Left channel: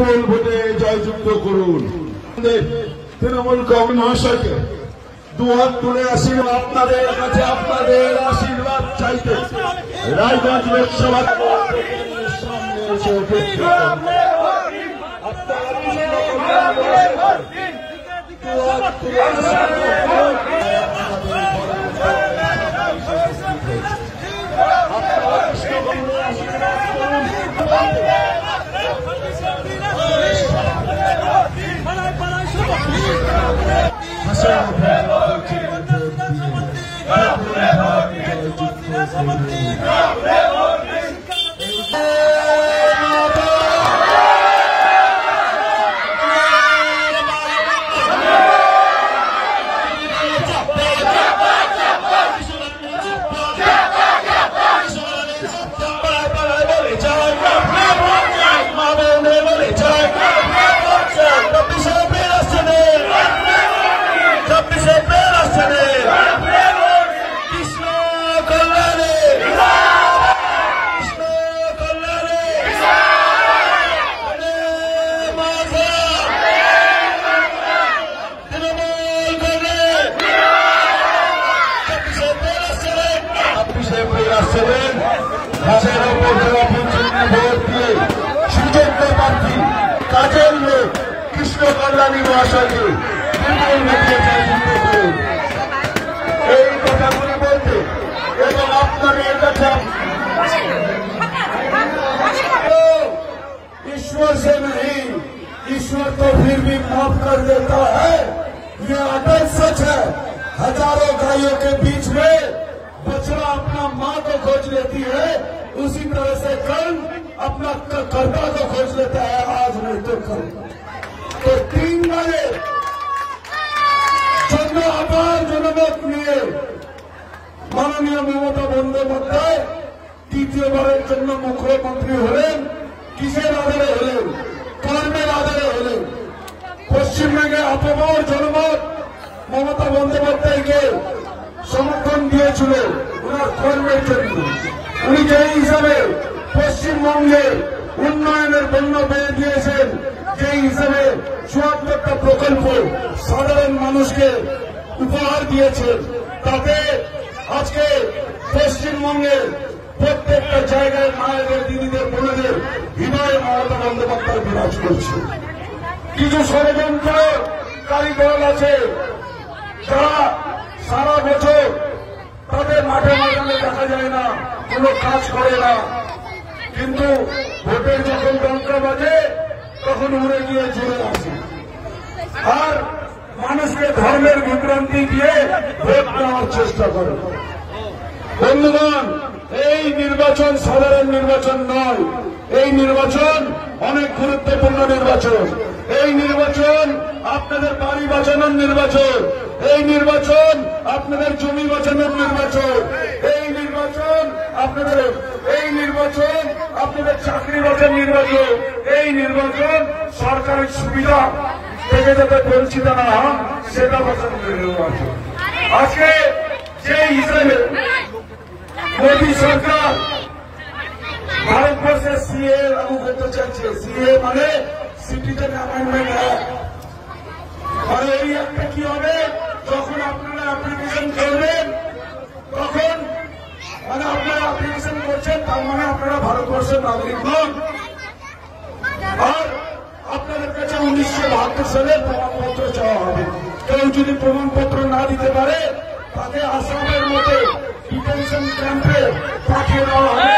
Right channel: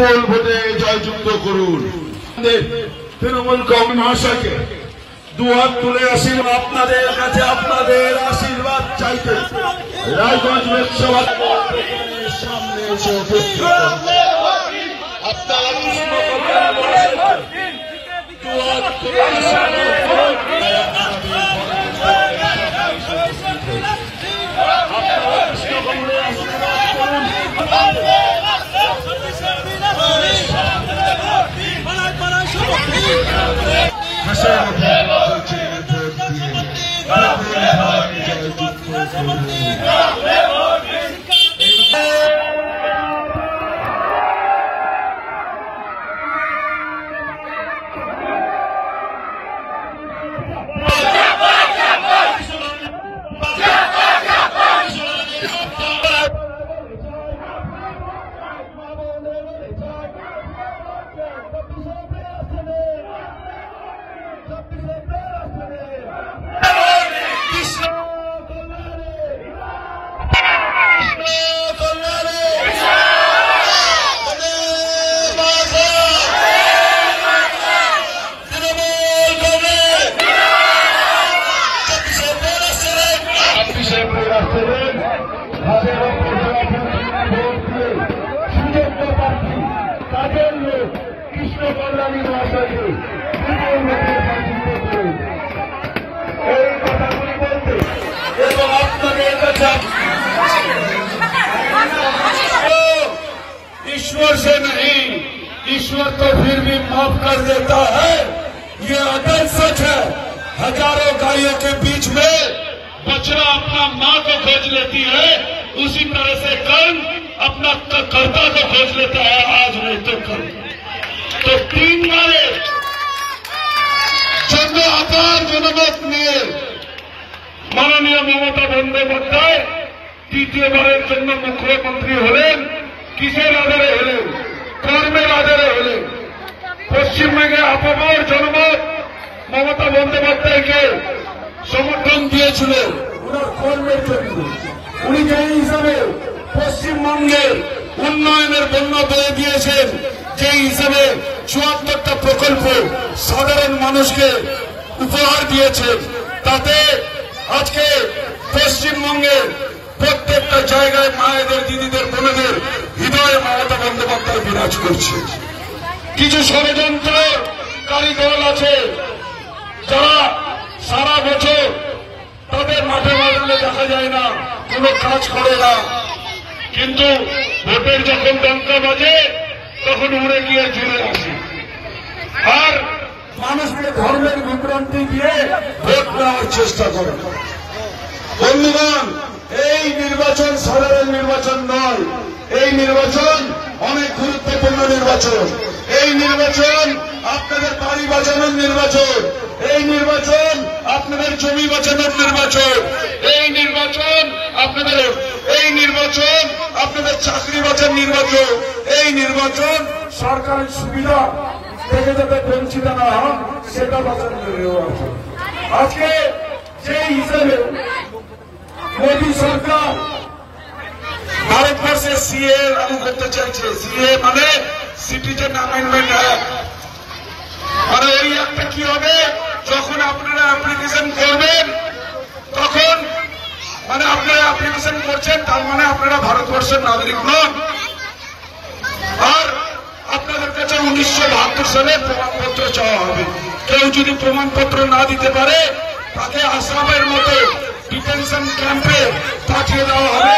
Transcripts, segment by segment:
বিপুল ভোটে জয়যুক্ত করুন। তৃণমূল কংগ্রেস মহাশয়কে দুহাত তুলে আশীর্বাদ, আপনাদের কাছে আপনাদের আশীর্বাদ চাইতে রায়গঞ্জ লোকসভা সামনে এসে উপস্থিত আপনারা কৃষ্ণ কল্যাণ মহাশয়কে দুহাত তুলে আপনারা কৃষ্ণ কল্যাণ আশীর্বাদ করুন। কাজের লোক কৃষ্ণ কল্যাণী মহাশয়কে এই কথাগুলো বলতে এবং আপনাদের কাছে ईश्वर से नहीं, ईश्वर तो फिर भी माफ कर देता है। ये अदल सच है। हजारों गायों के बीच में बछड़ा अपना माँ को खोज लेती है, उसी तरह से कल अपना कर्ता को खोज लेता है, आज नहीं तो कल। तो 3 बारे जन्म अपार जनमत নিয়ে মাননীয় মমতা বন্দ্যোপাধ্যায় তৃতীয়বারের জন্য মুখ্যমন্ত্রী হলেন। কিসের আধারে হলেন? কর্মের আধারে হলেন। পশ্চিমবঙ্গে আপামর জনমত মমতা বন্দ্যোপাধ্যায়কে সমর্থন দিয়েছিল ওনার কর্মের জন্য। উনি যে হিসাবে পশ্চিমবঙ্গে উন্নয়নের বন্যা বয়ে দিয়েছেন, যে হিসাবে ৭৪টা প্রকল্প সাধারণ মানুষকে উপহার দিয়েছেন, তাতে আজকে পশ্চিমবঙ্গে প্রত্যেকটা জায়গায় মায়েদের, দিদিদের, বোনেদের হৃদয়ে মমতা বন্দ্যোপাধ্যায় বিরাজ করছে। কিছু ষড়যন্ত্রকারী দল আছে যারা সারা বছর তাদের মাঠে ময়দানে দেখা যায় না, কোনো কাজ করে না, কিন্তু ভোটের যখন ডঙ্কা বাজে তখন উড়ে গিয়ে জুড়ে আসে আর মানুষকে ধর্মের বিভ্রান্তি দিয়ে ভোট নেওয়ার চেষ্টা করে। বন্ধুগণ, এই নির্বাচন সাধারণ নির্বাচন নয়, এই নির্বাচন অনেক গুরুত্বপূর্ণ নির্বাচন। এই নির্বাচন আপনাদের বাড়ি বাঁচানোর নির্বাচন, এই নির্বাচন আপনাদের জমি বাঁচানোর নির্বাচন, এই নির্বাচন আপনাদের চাকরি বাঁচানোর নির্বাচন, এই নির্বাচন সরকারি সুবিধা থেকে যাতে বঞ্চিত না হন সেটা বাঁচানোর নির্বাচন। আজকে যে হিসেবে মোদী সরকার ভারতবর্ষে সিএ লাগু করতে চাইছে, সিএ মানে সিটিজেন অ্যামেন্ডমেন্ট অ্যাক্ট, মানে ওই একটা কি হবে, যখন আপনারা অ্যাপ্লিকেশন করবেন তখন মানে আপনারা অ্যাপ্লিকেশন করছেন তার মানে আপনারা ভারতবর্ষের নাগরিক নন, আর আপনাদের কাছে 1972 সালের প্রমাণপত্র চাওয়া হবে। কেউ যদি প্রমাণপত্র না দিতে পারে তাকে আসামের মতো ডিটেনশন ক্যাম্পে পাঠিয়ে দেওয়া হবে,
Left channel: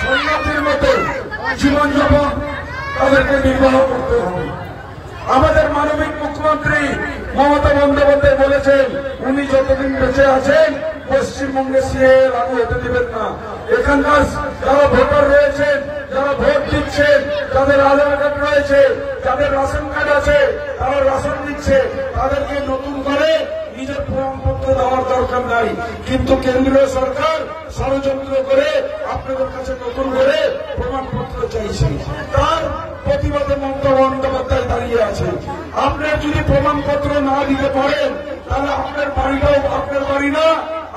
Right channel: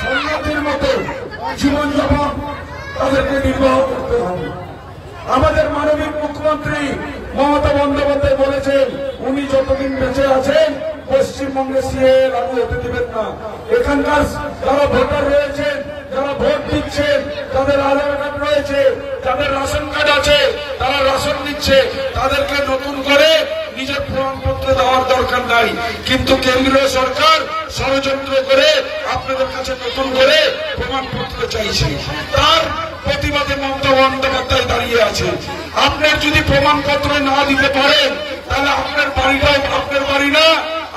সন্ন্যাসীর মতো জীবনযাপন তাদেরকে নির্বাহ করতে হবে। আমাদের মাননীয় মুখ্যমন্ত্রী মমতা বন্দ্যোপাধ্যায় বলেছেন উনি যতদিন বেঁচে আছেন পশ্চিমবঙ্গে সিএ লাগু হতে দেবেন না। এখানকার যারা ভোটার রয়েছেন, যারা ভোট দিচ্ছেন, তাদের আধার কার্ড রয়েছে, যাদের রেশন কার্ড আছে, তারা রেশন দিচ্ছে, তাদেরকে নতুন করে নিজের প্রমাণপত্র দেওয়ার দরকার নাই। কিন্তু কেন্দ্রীয় সরকার ষড়যন্ত্র করে আপনাদের কাছে নতুন করে প্রমাণপত্র চাইছে, তার প্রতিবাদে মমতা বন্দ্যোপাধ্যায় দাঁড়িয়ে আছে। আপনার যদি প্রমাণপত্র না দিতে পারেন তাহলে আপনার বাড়িটাও আপনার বাড়ি না,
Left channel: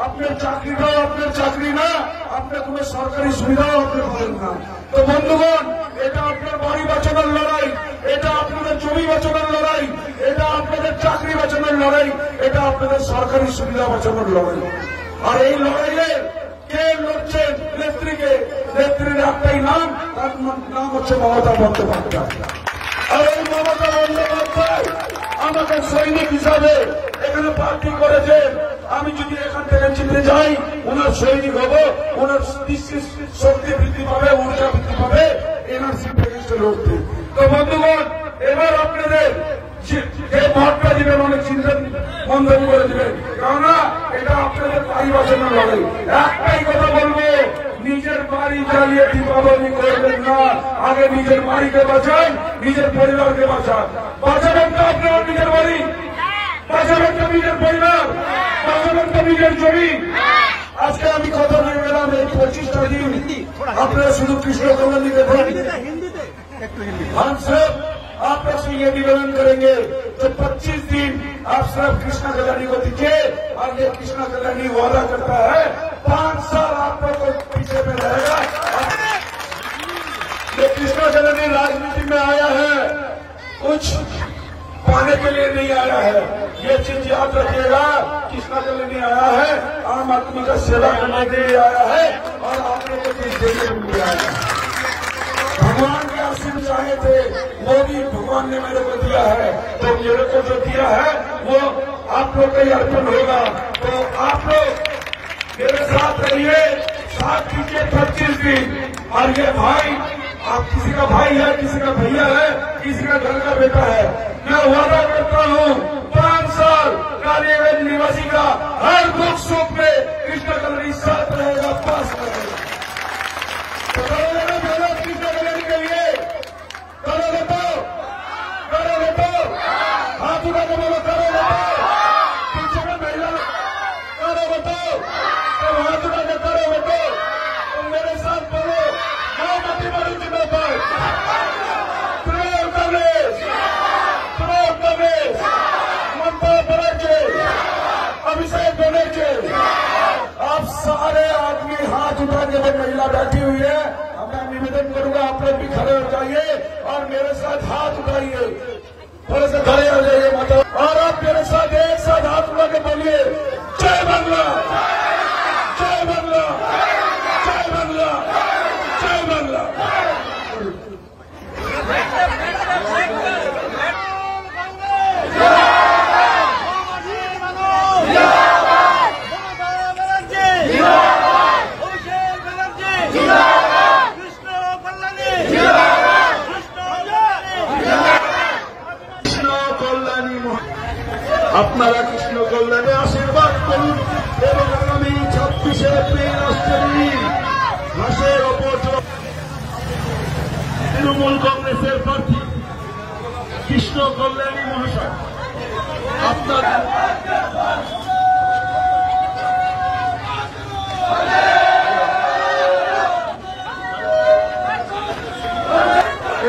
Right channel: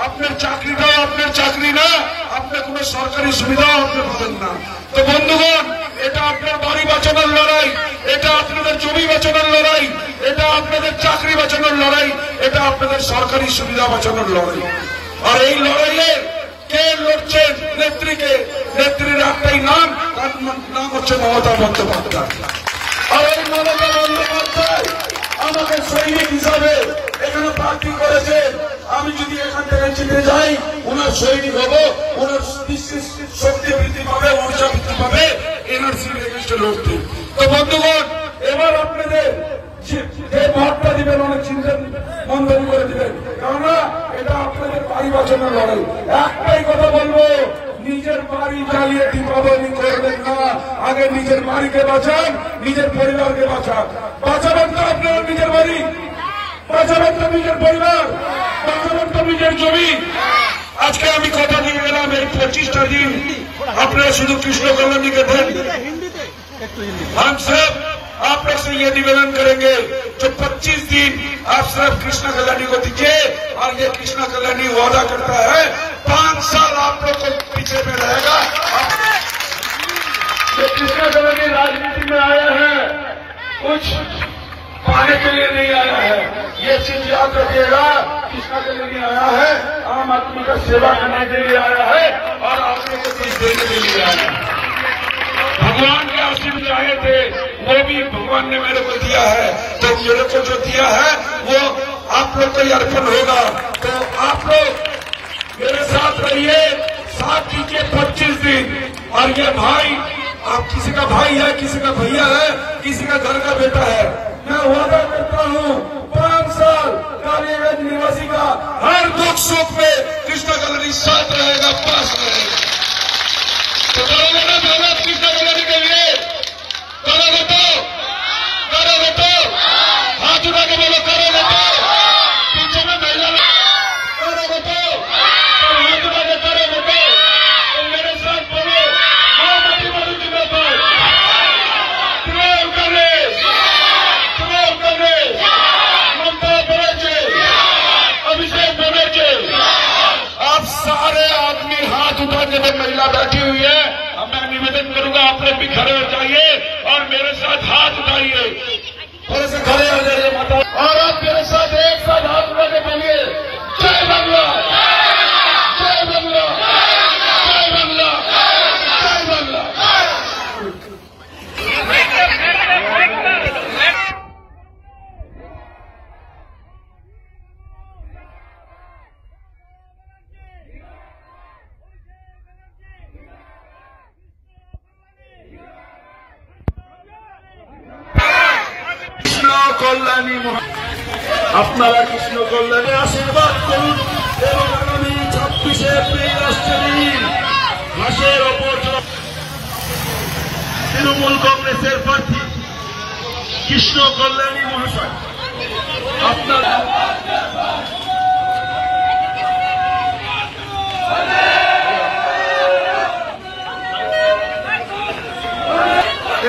আপনার চাকরিটাও আপনার চাকরি না, আপনার কোনো সরকারি সুবিধাও আপনি পাবেন না। তো বন্ধুগণ, এটা আপনার বাড়ি বাঁচানোর লড়াই। জমি বাঁচানোর লড়াই, এটা আপনাদের চাকরি বাঁচানোর লড়াই, এটা আপনাদের সরকারি সুবিধা বাঁচানোর লড়াই। আর এই লড়াইয়ের কে লড়ছেন? নেত্রীকে। নেত্রীর একটাই নাম, তার নাম হচ্ছে মমতা বন্দ্যোপাধ্যায়। আর এই মমতা বন্দ্যোপাধ্যায় আমাকে সৈনিক হিসাবে এখানে প্রার্থী করেছে। আমি যদি এখান থেকে জিতে যাই, ওনার সৈনিক হবো, ওনার শক্তি বৃদ্ধি পাবে, ঊর্জা বৃদ্ধি পাবে, এনআরসি এগেইনস্টে লড়তে। তো বন্ধুগণ, এবার আপনাদের যে ভোটটা দিবেন অনেক চিন্তা বন্ধ করে দিবেন, কেননা এটা আপনাদের বাড়ি বাঁচানোর লড়াই। একটাই কথা বলবো, নিজের বাড়ি জ্বালিয়ে দীপাবলি করবেন না। আগে নিজের বাড়িকে বাঁচান, নিজের পরিবারকে বাঁচান। বাঁচাবেন তো আপনার নিজের বাড়ি, বাঁচাবেন তো নিজের পরিবার, বাঁচাবেন তো নিজের জমি। আজকে আমি কথা দিয়ে গেলাম, এই 25টা দিন আপনারা শুধু কৃষ্ণ কল্যাণীকে ভোট দিন। हम सब आप लोग से ये निवेदन करेंगे, जो 25 दिन आप सिर्फ कृष्णा कल्याणी को दीजिए, और ये कृष्णा कल्याणी वादा करता है 5 साल आप लोग को पीछे में रहेगा। जो कृष्णा कल्याणी राजनीति में आया है, कुछ पाने के लिए नहीं आया है, ये चीज याद रखिएगा। कृष्णा कल्याणी आया है आम आदमी का सेवा करने के लिए आया है, और आप लोग को कुछ देने के लिए आया है। भगवान के आशीर्वाद चाहे थे, वो भी भगवान ने मेरे को दिया है, तो मेरे को जो दिया है वो आप लोग को अर्पण होगा। तो आप लोग मेरे साथ रहिए, साथ कीजिए 25 दिन। और ये भाई, आप किसी का भाई है, किसी का भैया है, किसी का घर का बेटा है, मैं वादा करता हूँ 5 साल कालीगंज निवासी का हर दुख सुख में कृष्णा कल्याणी साथ रहेगा, पास रहेगा। तो करोगे ना मेहनत कृष्णा कल्याणी के लिए? करोगे तो? करोगे तो? हाथ उठा के बोलो, करोगे तो? पीछे में महिला करोगे तो? हाथ उठा के करोगे तो? मेरे साथ बोलो, मोमबत्ती मारू जिम्मेदार, तृणमूल कांग्रेस, ममता बनर्जी, अभिषेक बनर्जी, आप सारे आदमी हाथ उठा के, तो महिला बैठी हुई है, मैं निवेदन करूंगा आप लोग भी खड़े हो जाइए और मेरे साथ हाथ उठाइए, मेरे से खड़े हो जाइए माता, और आप मेरे साथ एक साथ हाथ उठा के बोलिए, जय बंगला, जय बंगला, जय बंगला, जय बंगला। আপনারা কৃষ্ণ কল্যাণে আশীর্বাদ করুন এবং আগামী 26শে এপ্রিল রাষ্ট্রদিন ঘাসের ওপর তৃণমূল কংগ্রেসের প্রার্থী কৃষ্ণ কল্যাণী মহাশয় আপনারা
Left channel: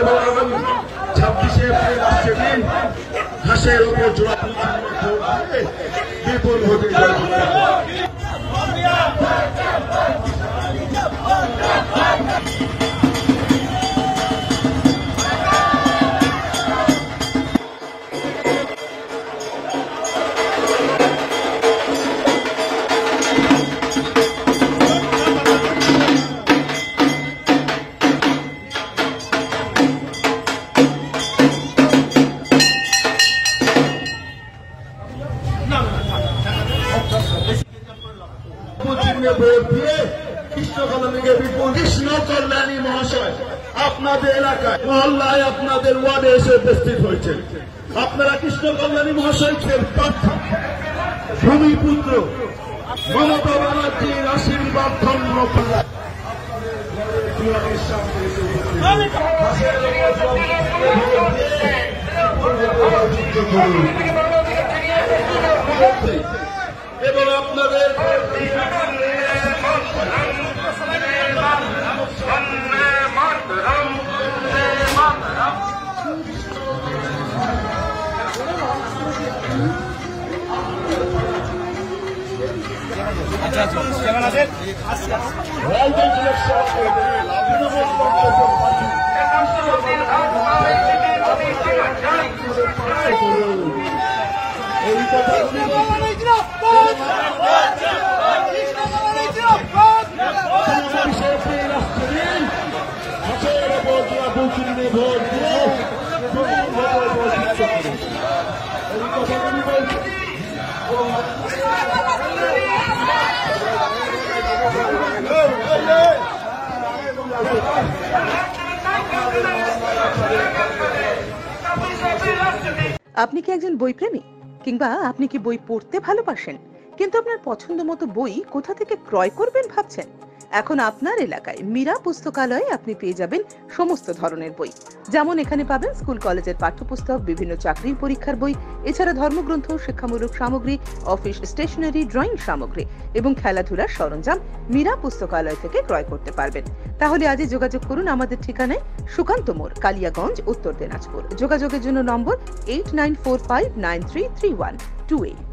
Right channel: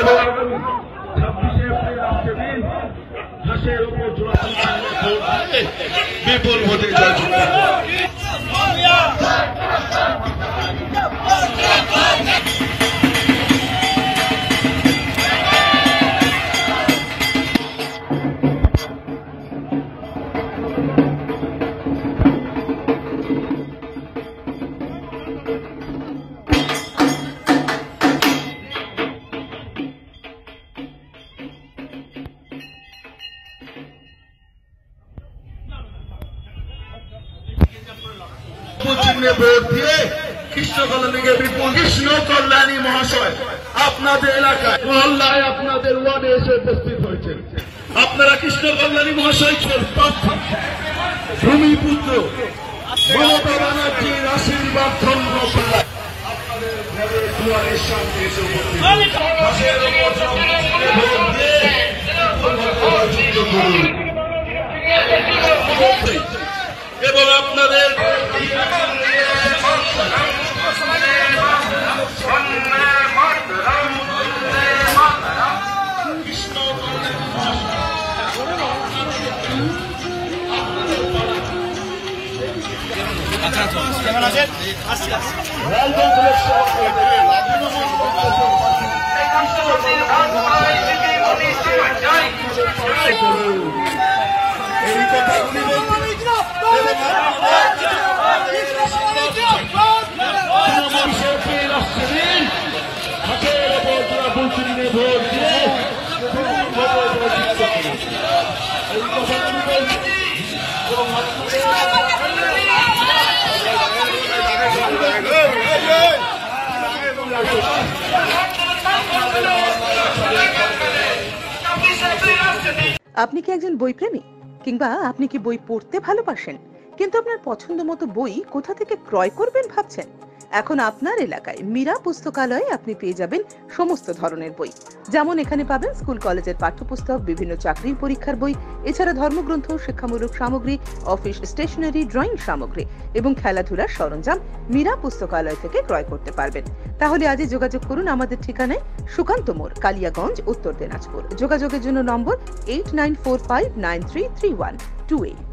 এবং আগামী 26শে এপ্রিল রাষ্ট্রদিন ঘাসের উপর জোড়াতাল বিপুল ভোটে জয়যুক্ত। ভোট দিয়ে কৃষ্ণ কল্যাণীকে বিপুল কৃষ্ণ কল্যাণী মহাশয় আপনাদের এলাকায় মহল্লায় আপনাদের ওয়ার্ডে এসে উপস্থিত হয়েছেন। আপনারা কৃষ্ণ কল্যাণী মহাশয়কে ভূমিপুত্র মমতা ব্যানার্জির আশীর্বাদ ধন্য করে আপনাদের ঘরের দুয়ারের সামনে এসে এবং আপনাদের কেমন আছেন? আসছি এই কথাগুলি হাতের ওপর যারা বুঝিয়ে ভোট দিয়ে এই কথাগুলি বলছি। আপনি কি একজন বই প্রেমী, কিংবা আপনি কি বই পড়তে ভালোবাসেন, কিন্তু আপনার পছন্দ মতো বই কোথা থেকে ক্রয় করবেন ভাবছেন? এখন আপনার এলাকায় মীরা পুস্তকালয়ে আপনি পেয়ে যাবেন সমস্ত ধরনের বই। যেমন এখানে পাবেন স্কুল কলেজের পাঠ্যপুস্তক, বিভিন্ন চাকরির পরীক্ষার বই, এছাড়া ধর্মগ্রন্থ, শিক্ষামূলক সামগ্রী, অফিস স্টেশনারি, ড্রয়িং সামগ্রী এবং খেলাধুলার সরঞ্জাম মীরা পুস্তকালয় থেকে ক্রয় করতে পারবেন। তাহলে আজই যোগাযোগ করুন আমাদের ঠিকানায়, সুকান্ত মোড়, কালিয়াগঞ্জ, উত্তর দিনাজপুর। যোগাযোগের জন্য নম্বর 8945933128।